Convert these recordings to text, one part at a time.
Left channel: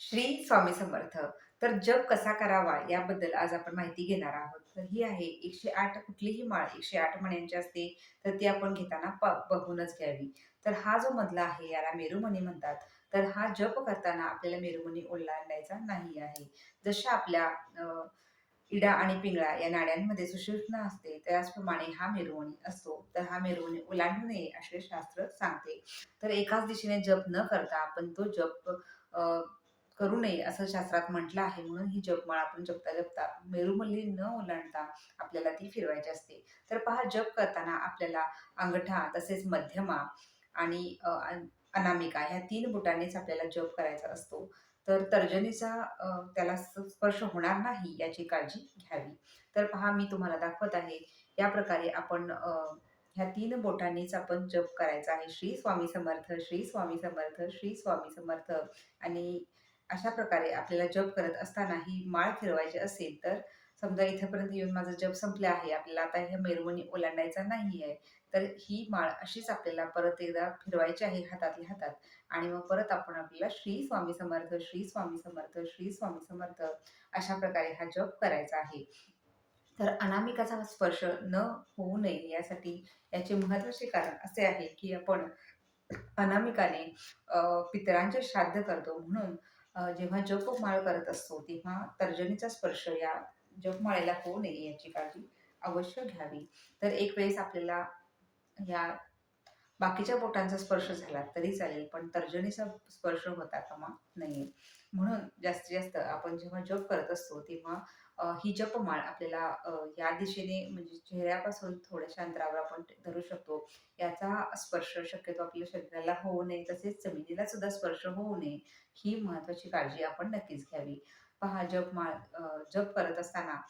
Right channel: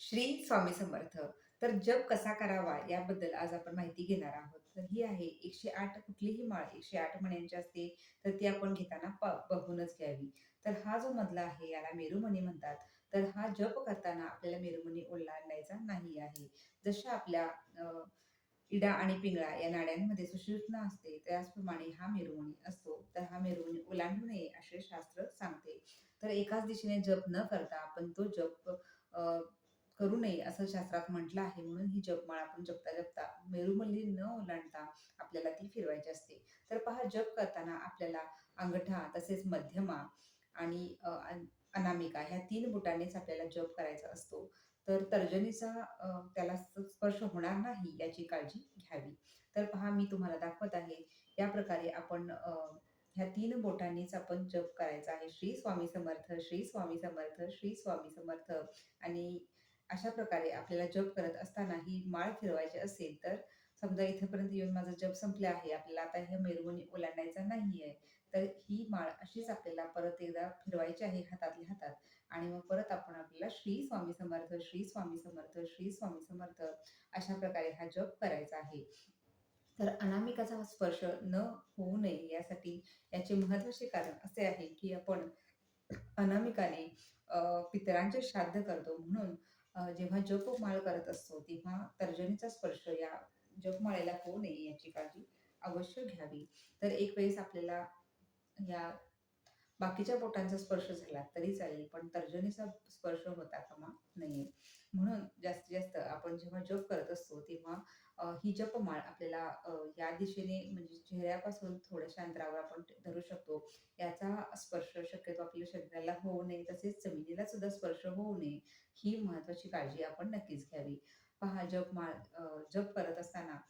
श्री स्वामी समर्थ. तर जप कसा करावा याबद्दल आज आपण माहिती घेणार आहोत. तर ही आहे एकशे आठ कुठलीही माळ एकशे आठ मण्यांची असते तर ती आपण घेताना बघूनच घ्यावी. तर हा जो मधला आहे याला मेरुमणी म्हणतात. तर हा जप करताना आपल्याला मेरुमणी ओलांडायचा नाही आहे. जशा आपल्या इडा आणि पिंगळा या नाड्यांमध्ये सुषुम्ना असते त्याचप्रमाणे हा मेरुमणी असतो. तर हा मेरुमणी ओलांडू नये असे शास्त्र सांगते. तर एकाच दिशेने जप न करता आपण तो जप करू नये असं शास्त्रात म्हटलं आहे म्हणून ही जपमाळ आपण जपता जपता मेरुमल्ली न ओलांडता आपल्याला ती फिरवायची असते. तर पहा जप करताना आपल्याला अंगठा तसेच मध्यमा आणि अनामिका ह्या तीन बोटांनीच आपल्याला जप करायचा असतो. तर तर्जनीचा त्याला स्पर्श होणार नाही याची काळजी घ्यावी. तर पहा मी तुम्हाला दाखवत आहे या प्रकारे आपण ह्या तीन बोटांनीच आपण जप करायचा आहे. श्री स्वामी समर्थ श्री स्वामी समर्थ श्री स्वामी समर्थ आणि अशा प्रकारे आपल्याला जप करत असताना ही माळ फिरवायची असेल तर समजा इथेपर्यंत येऊन माझा जप संपला आहे आपल्याला आता ह्या मेरवणी ओलांडायचा नाही आहे तर ही माळ अशीच आपल्याला परत एकदा फिरवायची आहे हातातल्या हातात. आणि मग परत आपण आपल्याला श्री स्वामी समर्थ श्री स्वामी समर्थ श्री स्वामी समर्थ अशा प्रकारे हा जप करायचा आहे. तर अनामिकाचा स्पर्श न होऊ नये यासाठी याचे महत्त्वाचे कारण असे आहे की आपण अनामिकाने पितरांचे श्राद्ध करतो. म्हणून जेव्हा जपमाळ करत असतो तेव्हा तर्जनीचा स्पर्श या जपमाळेला होऊ नये याची काळजी अवश्य घ्यावी. तर एक वेळेस आपल्याला या बाकीच्या बोटांचा स्पर्श झाला तरी चालेल पण तर्जनीचा स्पर्श होता कामा नये. म्हणून जास्तीत जास्त आपण जेव्हा जप करत असतो तेव्हा ही जपमाळ आपल्याला या दिशेने म्हणजे चेहऱ्यापासून थोड्याशा अंतरावर आपण धरू शकतो. याचा स्पर्श शक्यतो आपल्या शरीराला होऊ नये तसेच जमिनीला सुद्धा स्पर्श होऊ नये ही महत्त्वाची काळजी आपण नक्कीच घ्यावी. पहा जपमाळ जप करत असताना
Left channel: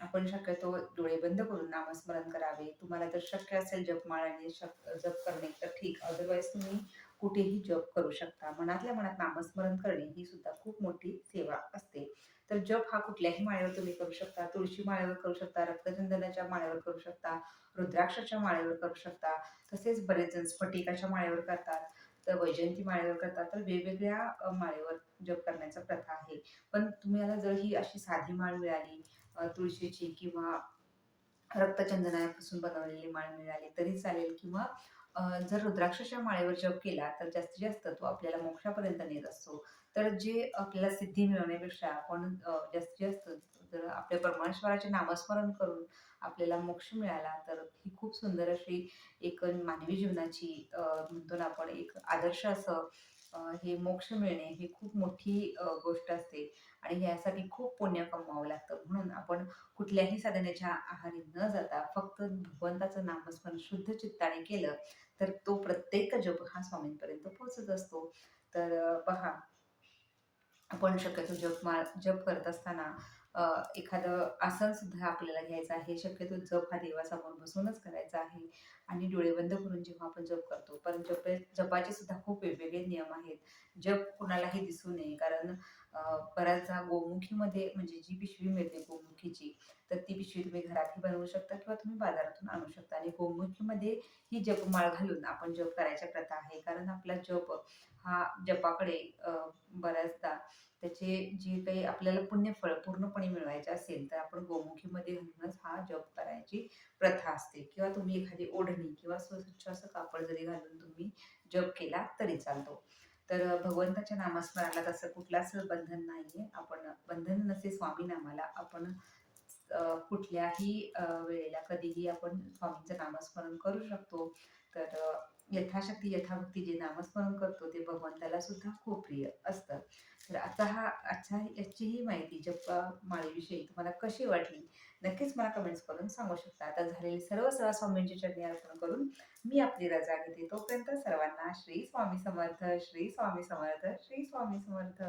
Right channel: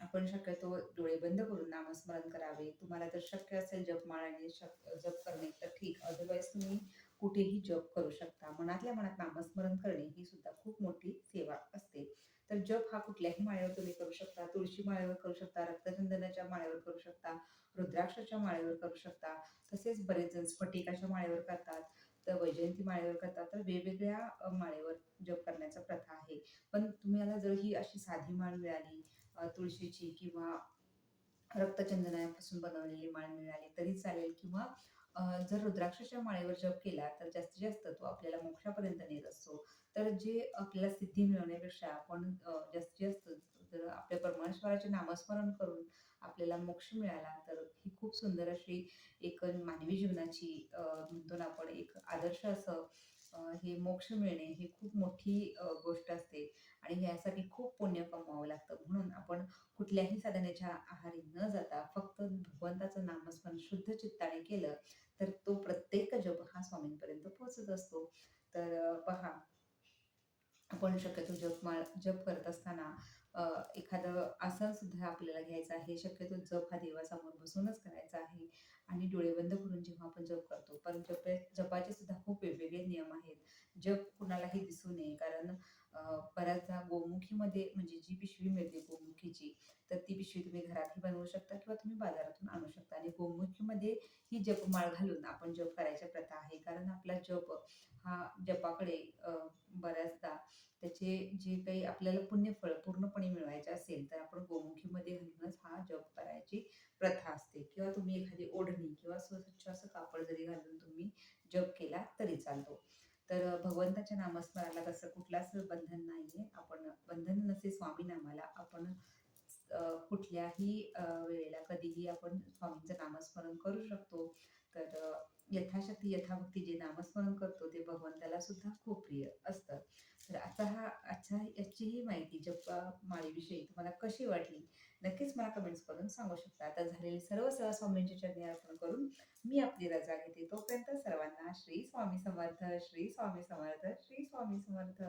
आपण शक्यतो डोळे बंद करून नामस्मरण करावे. तुम्हाला जर शक्य असेल जपमाळ आणि शक जप करणे तर ठीक. अदरवाईज तुम्ही कुठेही जप करू शकता. मनातल्या मनात नामस्मरण करणे ही सुद्धा खूप मोठी सेवा असते. तर जप हा कुठल्याही माळेवर तुम्ही करू शकता. तुळशी माळेवर करू शकता रक्तचंदनाच्या माळेवर करू शकता रुद्राक्षाच्या माळेवर करू शकता तसेच बरेच जण स्फटिकाच्या माळेवर करतात तर वैजयंती माळेवर करतात. तर वेगवेगळ्या माळेवर जप करण्याचा प्रथा आहे. पण तुम्हाला जर ही अशी साधी माळ मिळाली तुळशीची किंवा रक्तचंदनापासून बनवलेली माळ मिळाली तरी चालेल किंवा जर रुद्राक्षाच्या माळेवर जप केला तर जास्तीत जास्त तो आपल्याला मोक्षापर्यंत नेत असतो. तर जे आपल्याला सिद्धी मिळवण्यापेक्षा आपण जास्तीत जास्त जर आपल्या परमेश्वराचे नामस्मरण करून आपल्याला मोक्ष मिळाला तर ही खूप सुंदर अशी एक मानवी जीवनाची म्हणतो ना आपण एक आदर्श असं हे मोक्ष मिळणे ही खूप मोठी गोष्ट असते. आणि यासाठी खूप पुण्य कमवावं लागतं. म्हणून कुठल्याही साधनेच्या आहारी न जाता फक्त भगवंताचं नामस्मरण शुद्ध चित्ताने केलं तर तो प्रत्येक जप हा स्वामींपर्यंत पोहोचत असतो. तर पहा आपण शक्यतो जप मा जप करत असताना एखादं आसन सुद्धा आपल्याला घ्यायचं आहे. शक्यतो जप हा देवासमोर बसूनच करायचा आहे आणि डोळे बंद करून जेव्हा आपण जप करतो पण जप जपाचे सुद्धा खूप वेगवेगळे नियम आहेत. जप कुणालाही दिसू नये कारण बऱ्याचदा गोमुखीमध्ये म्हणजे जी पिशवी मिळते गोमुखीची तर ती पिशवी तुम्ही घरातही बनवू शकता किंवा तुम्ही बाजारातून आणू शकता. आणि गोमुखीमध्ये ही जपमाळ घालून आपण जप करायच्या प्रथा आहे. कारण आपला जप हा जपाकडे बऱ्याचदा त्याचे जे काही आपल्याला पुण्यफळ पूर्णपणे मिळवायचे असेल तर आपण गोमुखीमध्ये घालूनच हा जप करायची प्रथा असते. किंवा तुम्ही एखादी ओढणी किंवा स्वच्छ असं कापड जरी घालून तुम्ही जप केला तरी चालतो. तर भगवंताच्या नामस्मरणाला तसं कुठलाच बंधन नाहीये. आपण बंधन नसे स्वामी नामाला आपण कुठल्याही वेळेला कधीही आपण स्वामींचं नामस्मरण करू शकतो. तर यथाशक्ती यथाभक्ती जे नामस्मरण करतो ते भगवंताला सुद्धा खूप प्रिय असतं. तर आता हा आजचा याची ही माहिती जप्पा माळेविषयी तुम्हाला कशी वाटली? नक्कीच मला कमेंट्स करून सांगू शकता. आता झालेली सर्व सह स्वामींची चरणी अर्पण करून मी आपली रजा घेते. तोपर्यंत सर्वांना श्री स्वामी समर्थ श्री स्वामी समर्थ श्री स्वामी समर्थ.